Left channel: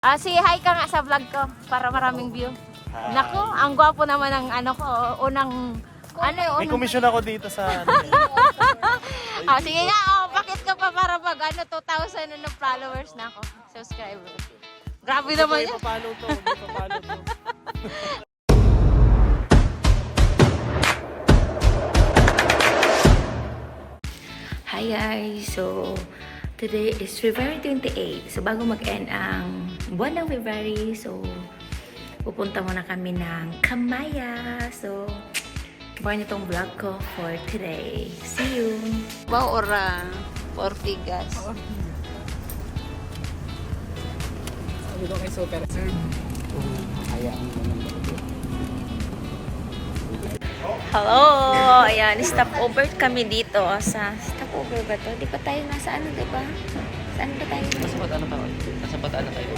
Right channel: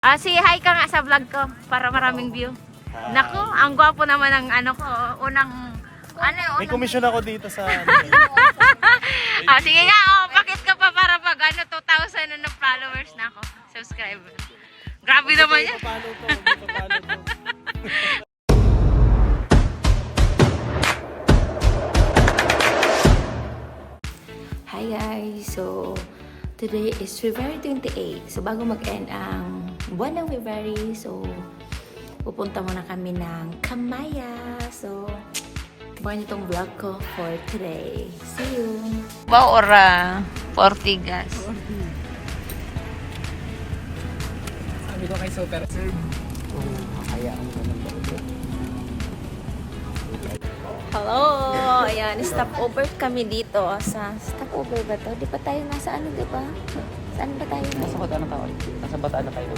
Say hi ka nga sa vlog ko para maraming view. Hi. Nako, ang gwapo naman ng ano ko, unang May komisyon ako dito sa sige nga, bakit ka pa para pag 2,000 na followers na ako, subscriber. Grabe naman yan. Papalo to, papalo to. Hi guys! So, today is February 28. So, bago mag-end ang buwan ng February, so, pupunta muna kami ng Kamaya. So, abangan nyo tong vlog ko for today. See you! Baura, Portigas. Sabi ko kay Super Serve. Hayaan mo naman ba ito? Hello! Ayan, stop over kami dito sa... Stop over ba to? Di ba tayo nasa ano, di ba? Saan ba tayo? Sa bataan na kayo.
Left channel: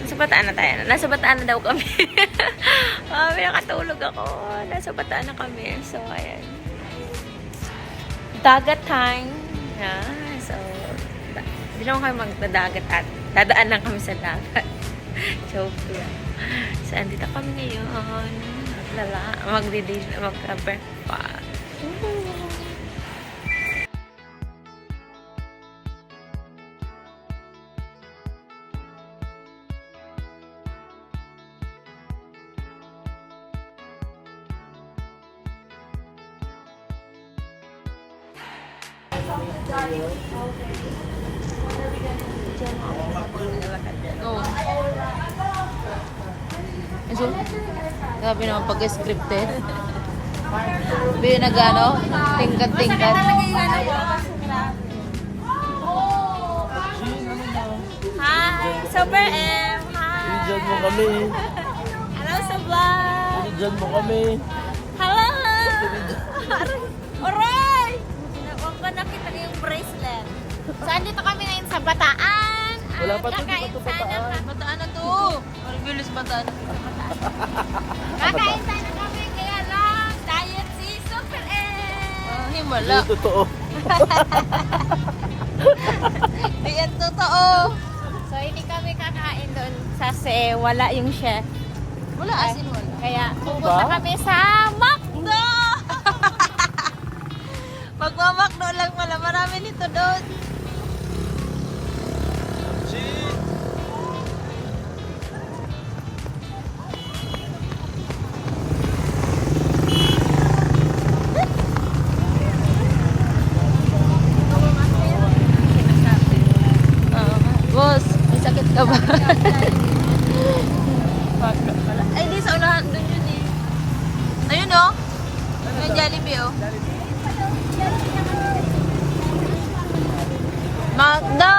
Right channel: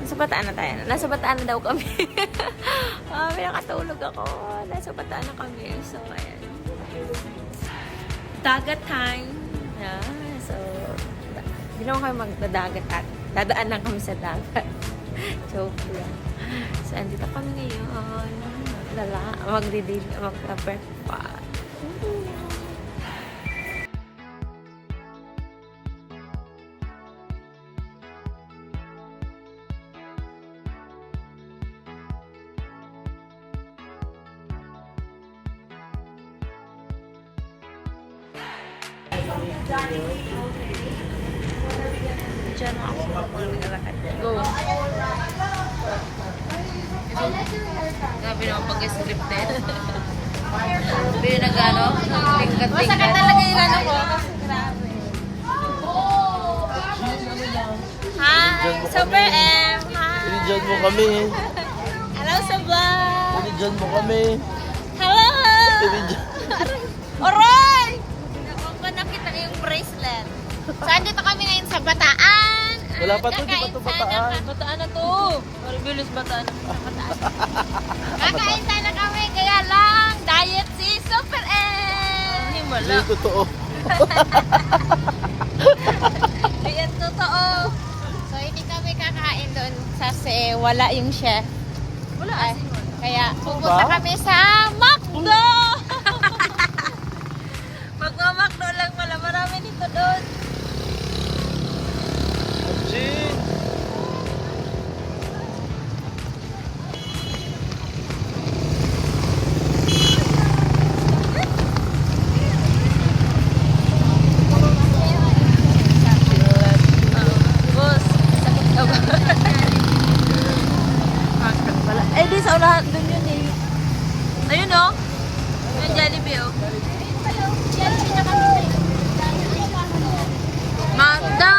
Nasa Bataan na tayo. Nasa Bataan na daw kami. May nakatulog ako. Nasa Bataan na kami. So, ayan. Dagat time. Yeah, so, hindi naman kami magdadagat at dadaan lang kami sa dagat. Joke lang. So, andito kami ngayon. Mag-breakfast. Diyan ako. Go. Grabe naman pag-scripted. May nag-ano? Masakit talaga yung ano ko. Kasi grabe. Hi! Super M! Hi! Dinidyan mo kami. Hello sa vlog! Dinidyan mo kami. Hello! Dinidyan. Aray! Huwag ko nakita yung bracelet. Saan dito kami ngayon sa Bataan? Wala pa to, di pa to bataan. Bataan na to. Maribilis Bataan. Kakain sana kami, kaya lang, diet si Super M. Hindi totoo. Diet totoo. So, hindi kami kakain doon kasi wala yung chef. Wala, asin wala. Kaya pupunta ba? kami sa McDo! Magma-McDo lang pala. Marami nito doon. Boss, sakit ka ba? McDo pala. Eh, di sa unahan doon yun eh. Ayun oh. Yung Jollibee oh. McDo!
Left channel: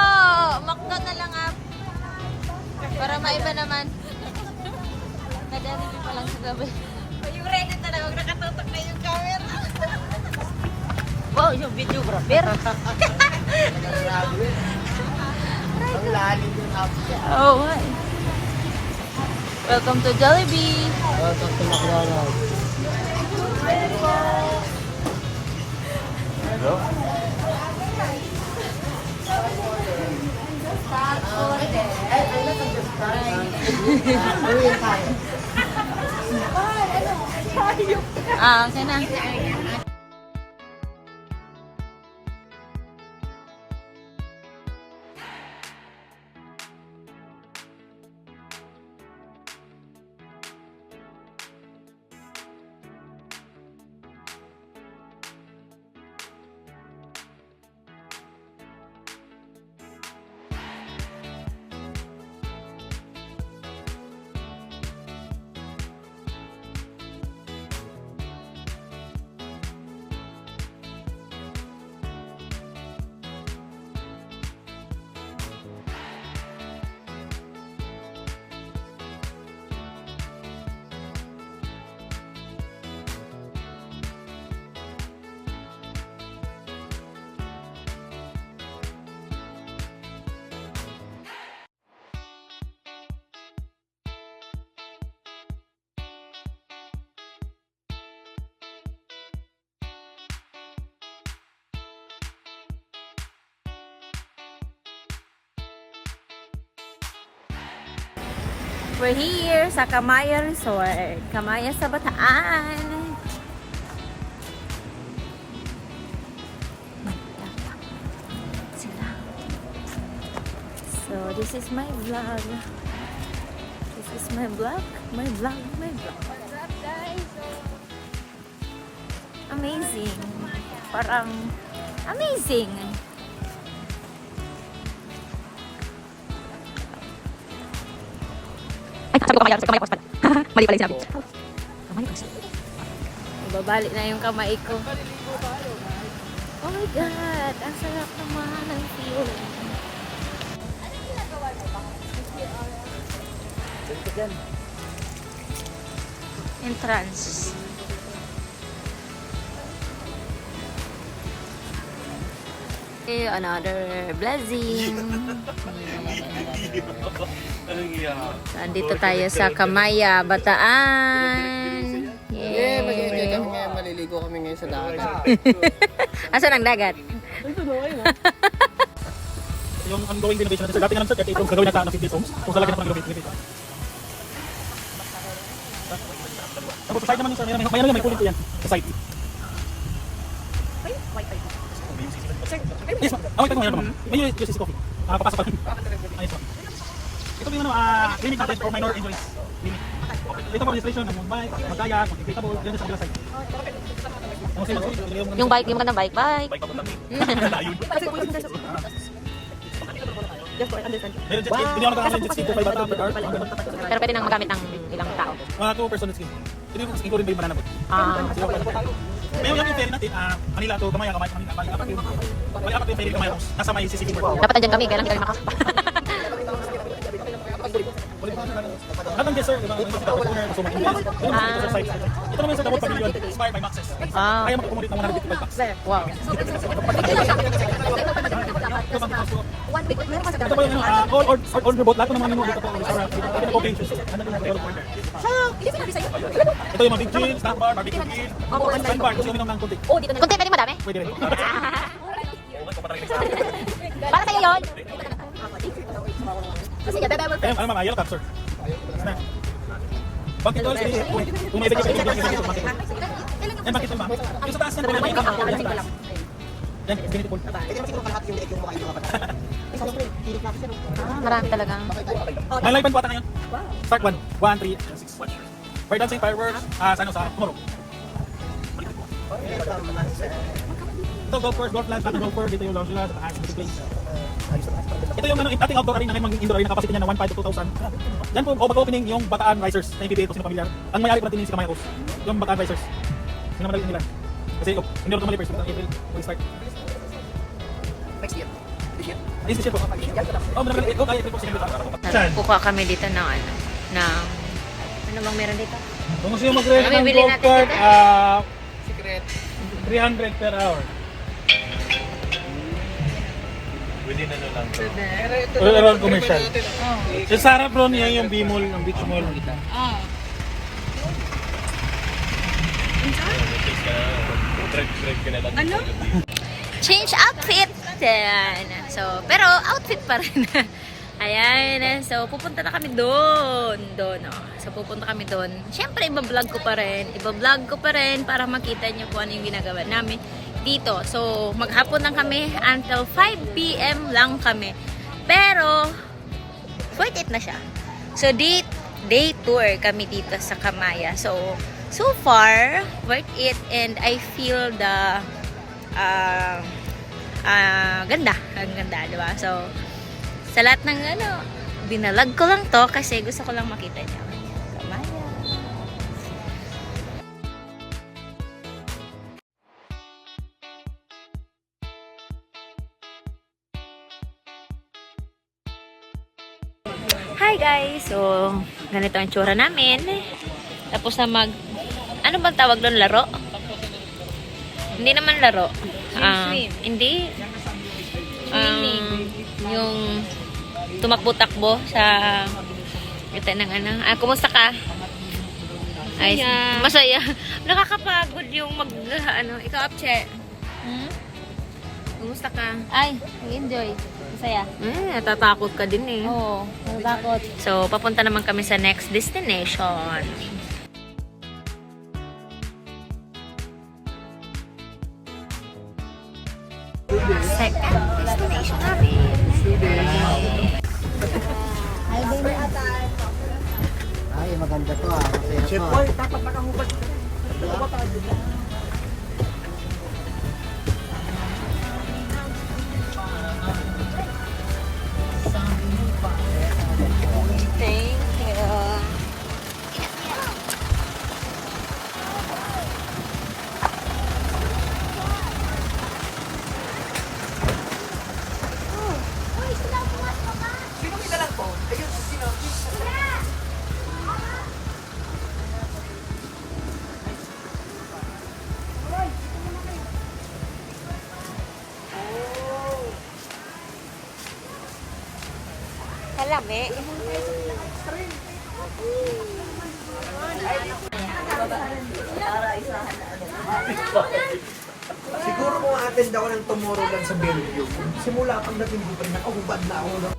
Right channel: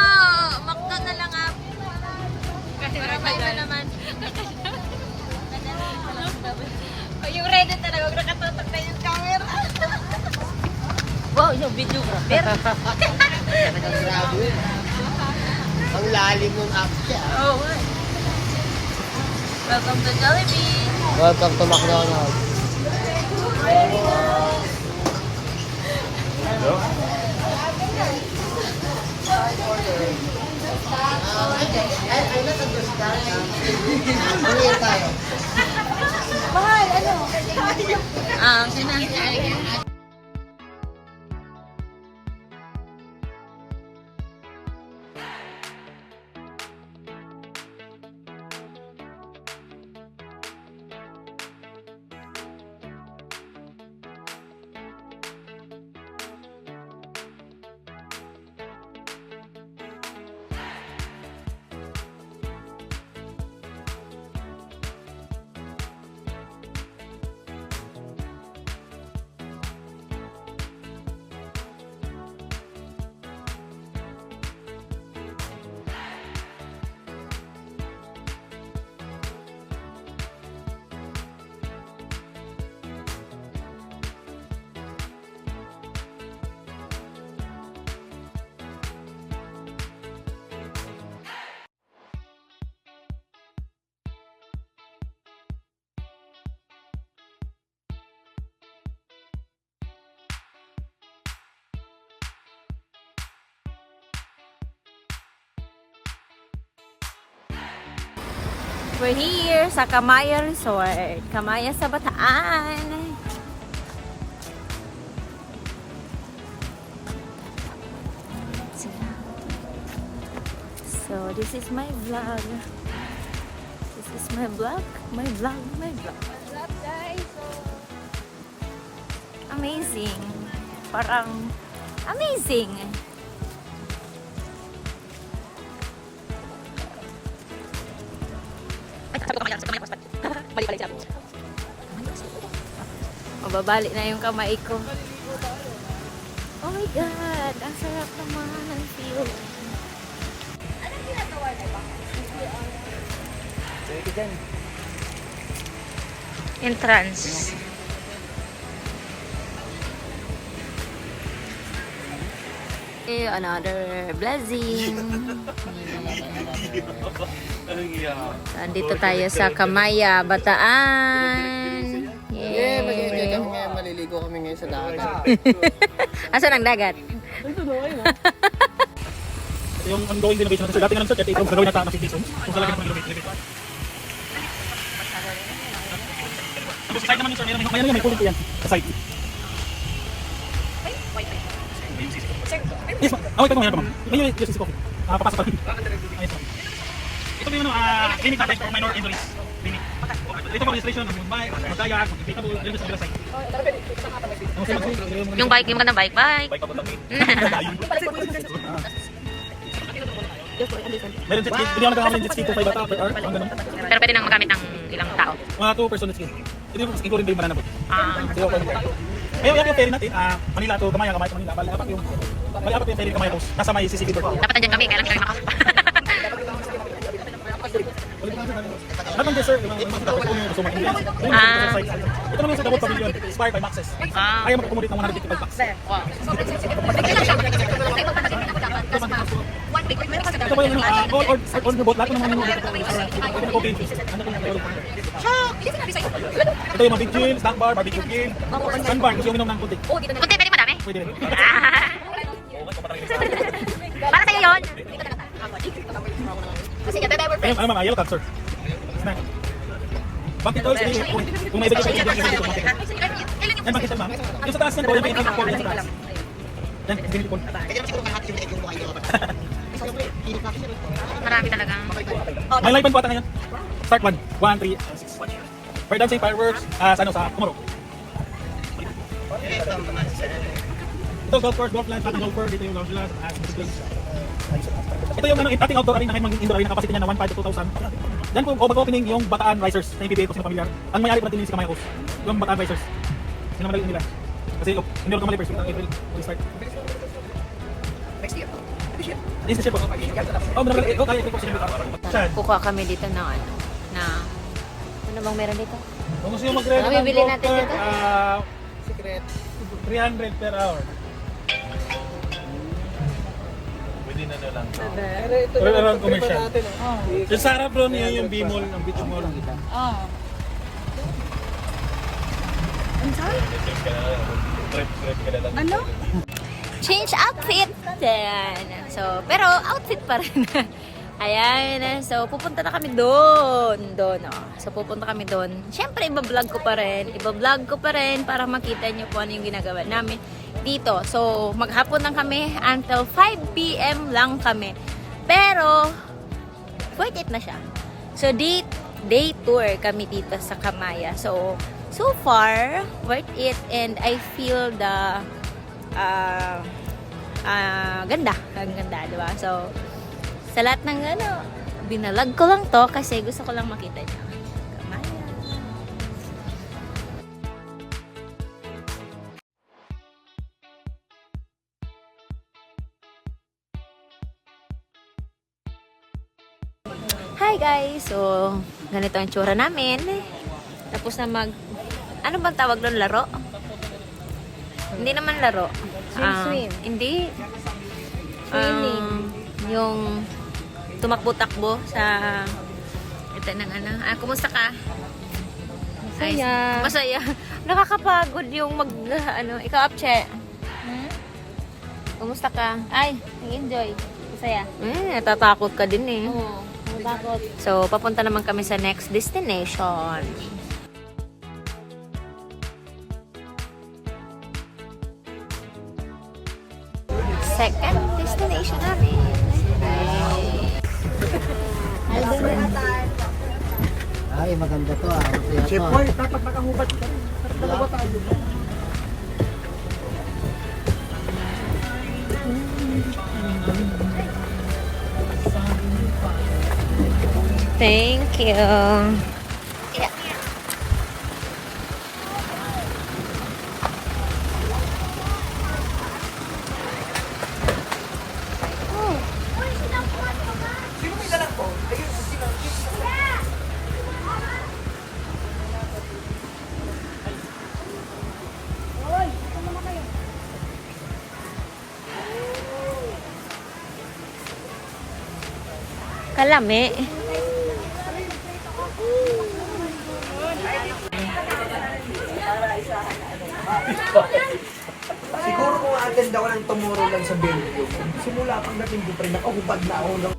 McDo na lang ah. Para maiba naman. Nadali pa lang sa gabi. Yung ready talaga, huwag nakatutok na yung camera. Wow, yung videographer. Ang lalim ng app niya. Oh, welcome to Jollibee. Welcome to McDonald's. Hello? I not understand. Ano tayo? Okay na. We're here sa Kamaya Resort. Kamaya sa Bataan. So, this is my vlog. This is my vlog. My vlog. What's up, guys? So, amazing. Parang amazing. Ay, sabi ko kamay ko pa. Mali pala yung sinabi. Mababali na yung kamay ko. Oh my God! Ang sarap naman ng view. Entrance. Another blessing. So, andito tayo sa Kamaya, Bataan. Yeah, mag-enjoy Yay! kami ngayon. Maliligo kami ngayon sa dagat. Asan ang dagat? Yung ongoing renovation natin. So, dati nga ng sir, 38 rooms. Gagawin natin ng 58 rooms. Kung sa lagi ng renovation. Tapos sa side naman yung sir, mayroon may cooling po yan. Sa side. Yes, ma'am. Oh, ito naman. May USC coffee. Papasok pa rin. Ayos po. Ito yung clinic na for minor injuries. Clinic. Ito po registration, magkaya, applicable, yun sa kabila side. Yung bike, yung magandang bike. Bike pa po lang. Meron jet ski. Hindi ako nagkakamali ng jet ski 2.5 bata per hour. Ang ganun. Pero pwede nang magamit ng ilang tao. Mga 2 person jet ski. Hindi mo including ba yung mananabot. Ah. May yung ferry natin, Manila to Gamay, Gamay to Manila. Bali apat yung ferry Gamay House. Nasa may CCTV po. Dapat andyan kami, kailan hindi kami makasapa. Ano bang sir? Ito naman sa Davao Pavilion, inspired by Maxes. Ah. Ayaw mag-accommodate ng 155 bucks. Ito ba yung all your boat, lahat ng mga menu dito po. Okay. Ito yung mga big chill, snack bar, barbecue grill, sandbar, kasi yung inom ng kunti. Kunti, pwede madami? Pwede rin. Para sa'yo yun. Eh, ano mga yellow card, sir? Snack. Bakit oil, kung may ibigay pa ito, bakit oil? Yan, bakit oil, ma'am? Yung sa taas yan, may ibigay pa ito. Yan, ganito po. Marami talaga. May live band po ata ngayon. Start 1, 1, 3, 6. For dancing fireworks, sa tomorrow. Ito, golf course, golf land, golf course, dito yung lounge nila, sa taas, dito place. Ito yung ating outdoor arena, kahit maging indoor arena, capacity niya na 1.5 to 2,000. Diyan po, mag-opening yung Bataan Risers na PBA ko, sino familiar. Ang may-ari po natin yung si Kamaya Coast, yung Bataan Risers. Sino malalim nila. Kasi hindi ko tumali first, April, will start. Next year. This is po. Oh, kaya April po sila dito. Kukuha kami dito ng ano bang meron dito? Kung gusto nyo mag-rent Ano bibili natin dito? Secret. 300 per hour. Pwede na lang to. Pero ito Wala na bang commercial? Sa Sarah bro niya yung B-Mall, yung beach mall. Trip ka na lang. Ano? Change outfit! Ayan. So, pero outfit pa rin. Ayan. So, pupunta na kami doon. So, pupunta kami doon. Siyempre, iba-vlog ko pa rin para makita nyo kung ano yung ginagawa namin dito. So, maghapon lang kami until 5 p.m. lang kami. Pero, worth it na siya. So, day tour kami dito sa Kamaya. So far, worth it and I feel the ganda. Ang ganda, di ba? So, sa lahat ng binalag ko lang to kasi gusto ko lang makita niya. Kamaya. Hi guys! So, ganito ang tsura namin. Tapos na ano bang tawag doon? Laro? Hindi naman laro. Hindi. Yung tumakbo-takbo sa ito ng kumusta ka? Masaya. Masaya. Nakakapagod yung ito Apche. Kumusta ka? Ay, nag-enjoy. Masaya. Natatakot ka din eh. Oo. So, papunta naman kami sa next destination. Second destination namin. Ay, maganda to ah. Masaya Chef to. Boy, dapat nakahubad ka. Nakahubad tayo. Thank you. Kalami. Siguro kung attend ako ng Tomorrowland sa Belgium, simula pag dating ko pa rin, nakahubad na ako ng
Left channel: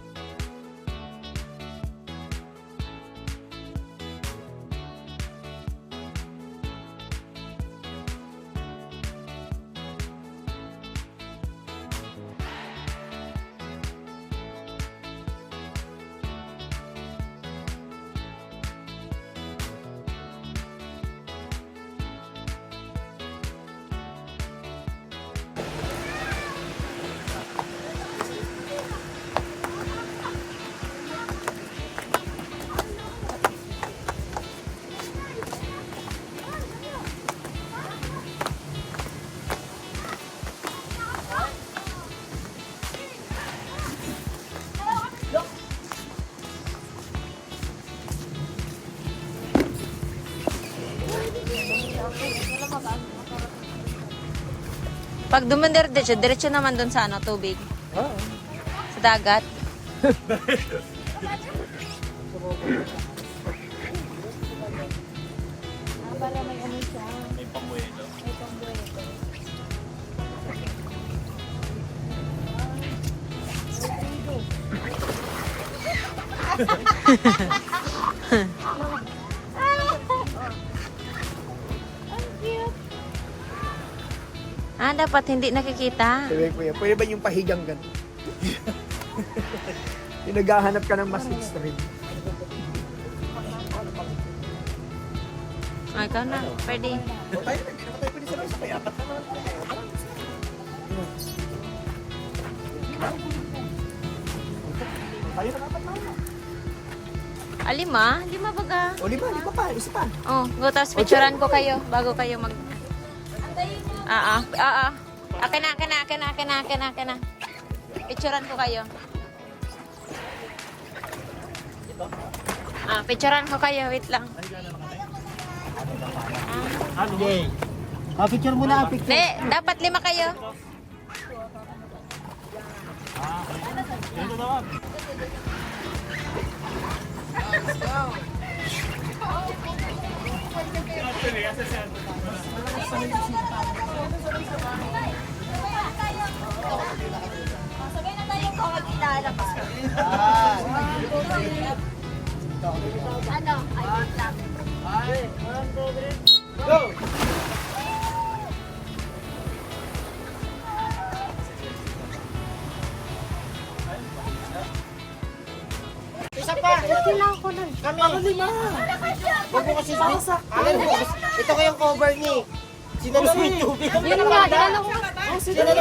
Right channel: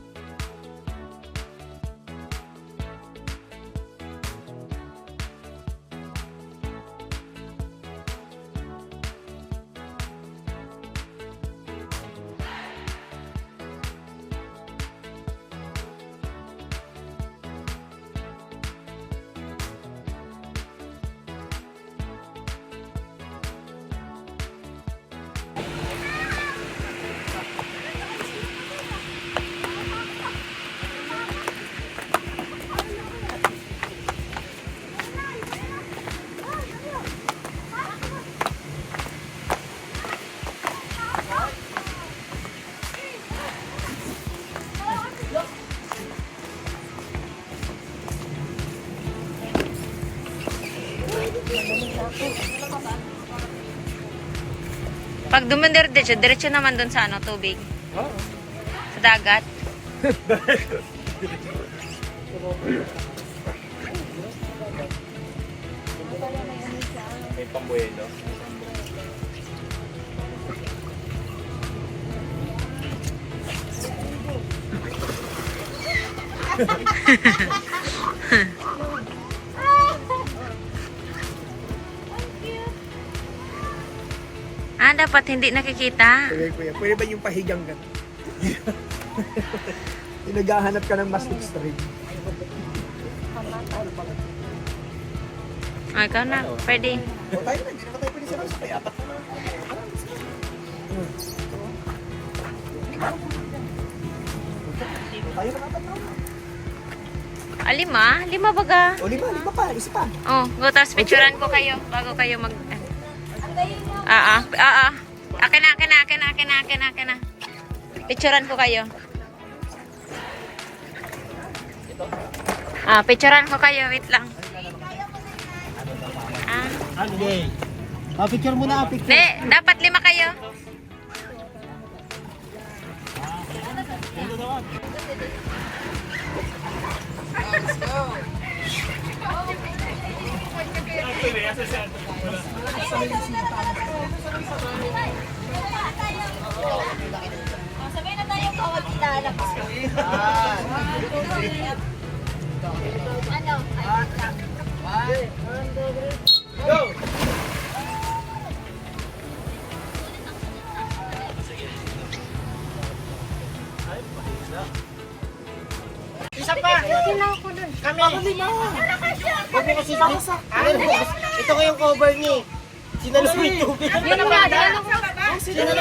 Pag dumandir diretso naman dun sa ano, tubig. Sa dagat. May pambuelo. Ah, dapat hindi nakikita. Pwede ba yung pahigang gan? Yung naghahanap ka ng mas extreme. Ah, ikaw na. Pwede. O tayo na, hindi naman tayo pwede sa kaya apat na lang. Tayo na apat na lang. Ah, lima? Lima baga. O lima pa, isa pa. Oh, go, tapos picturean ko kayo bago kayo mag... Akin na. Picturean ko kayo. Picturean ko kayo. Wait lang. Okay. Picture muna, picture. Hindi, dapat lima kayo. Sabay na tayo ko, magkilala ko. Ano? Ay, wait lang. Go! Isa pa! Kami! Ako lima! Huwag mo kasi sa... Ito kayong cover ni. Sinalo mo yung tubig. Sinalo mo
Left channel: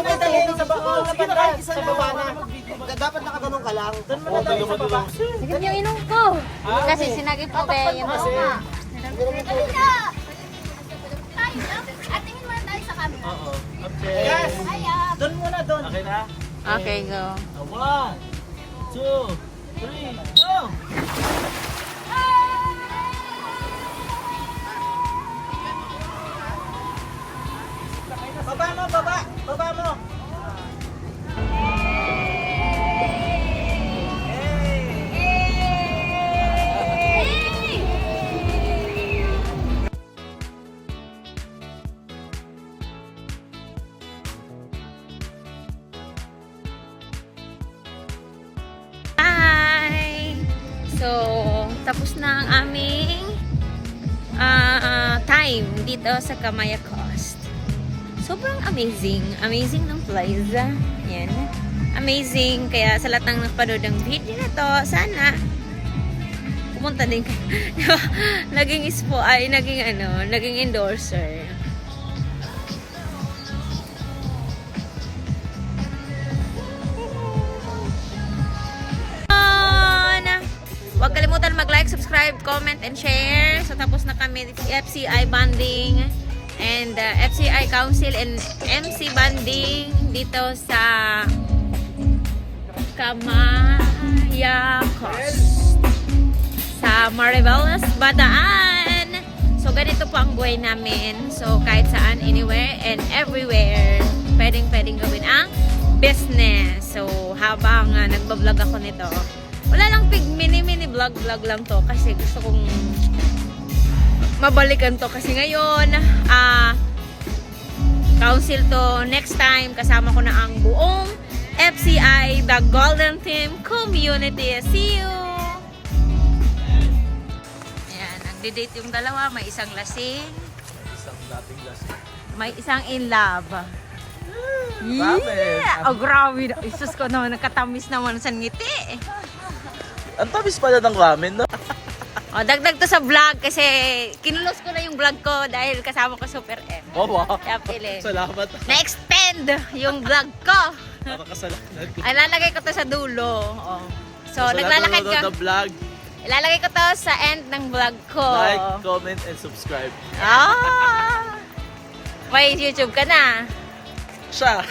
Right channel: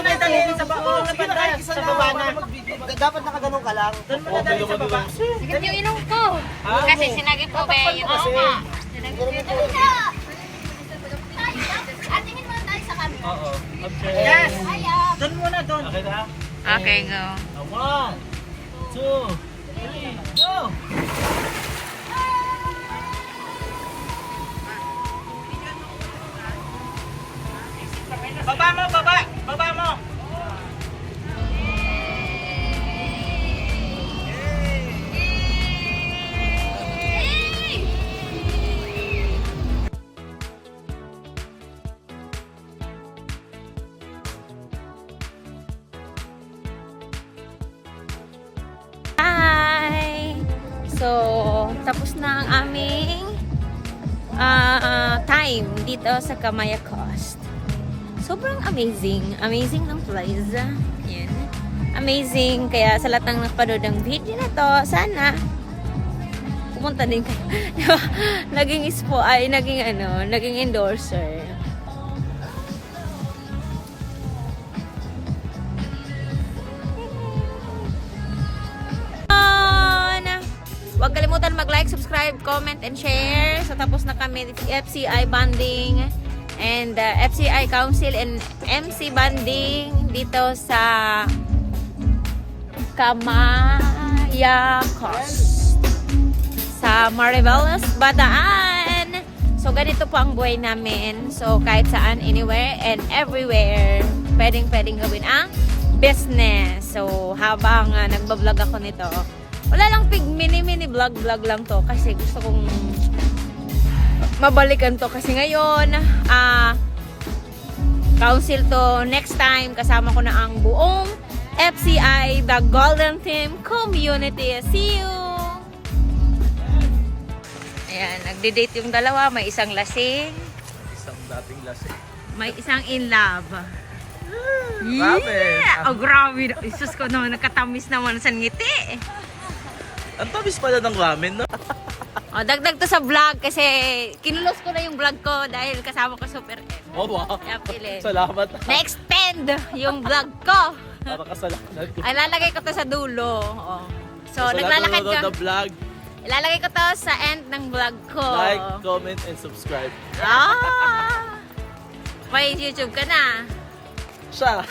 yung tubig sa baba. Sa baba na. Dapat nakaganong ka lang. Doon mo na tayo sa baba. Sige yung inom ko. Kasi sinagi ko ba yung At tingin mo tayo sa camera. Oo. Okay. Yes! Hiya! Doon muna, doon. Okay na? Okay, go. 1, 2, 3, go! Baba mo, baba! Baba mo! Hi! tapos na ang aming time dito sa Kamaya Coast. Sobrang amazing. Amazing ng place. Yan. Amazing. Kaya sa lahat ng napanood ng video na to, sana pumunta din ka. Naging naging endorser. Huwag kalimutan mag-like, subscribe, comment, and share. So, tapos na kami FCI banding and FCI Council and MC banding dito sa Kamaya Coast sa Mariveles, Bataan. So, ganito po ang buhay namin. So, kahit saan, anywhere, and everywhere, pwedeng gawin ang business. So, habang nagbablog ako nito, wala lang mini vlog lang to kasi gusto kong mabalikan to kasi ngayon council to, next time kasama ko na ang buong FCI, the Golden Team Community. See you! Ayan, nagde-date yung dalawa, may isang lasing, Isang dating lasing. may isang in love. Yeah! Oh, grabe. Isus ko naman, nakatamis naman sa ngiti. Ang tamis pala ng ramen, no? O, dagdag to sa vlog kasi kinulos ko na yung vlog ko dahil kasama ko Super M. Oh, wow. Kaya pili. Salamat. Na-extend yung vlog ko. Para kasalanan ko. Ay, lalagay ko to sa dulo. O. So, Sa lahat naglalakad ng ka. nanonood ng vlog, Ilalagay ko to sa end ng vlog ko. like, comment, and subscribe. May YouTube ka na. Siya.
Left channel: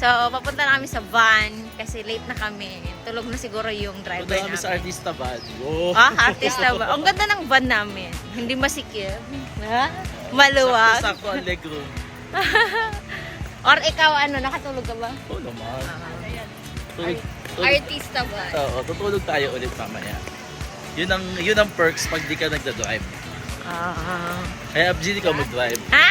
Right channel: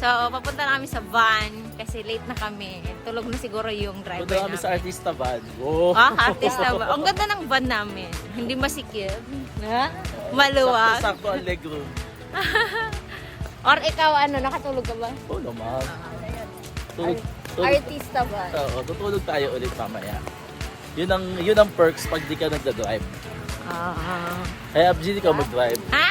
So, papunta na kami sa van kasi late na kami. Tulog na siguro yung driver Punta kami namin. sa artista van. Oh. Artist na ba? Ang ganda ng van namin. Hindi masikip. Ha? Maluwag. Sakto ang legroom. Or ikaw, nakatulog ka ba? Oo naman. Tulog. Artista ba? Oo, tutulog tayo ulit mamaya. Yun ang perks pag di ka nagda-drive. Kaya Abjin, ikaw mag-drive. Ah!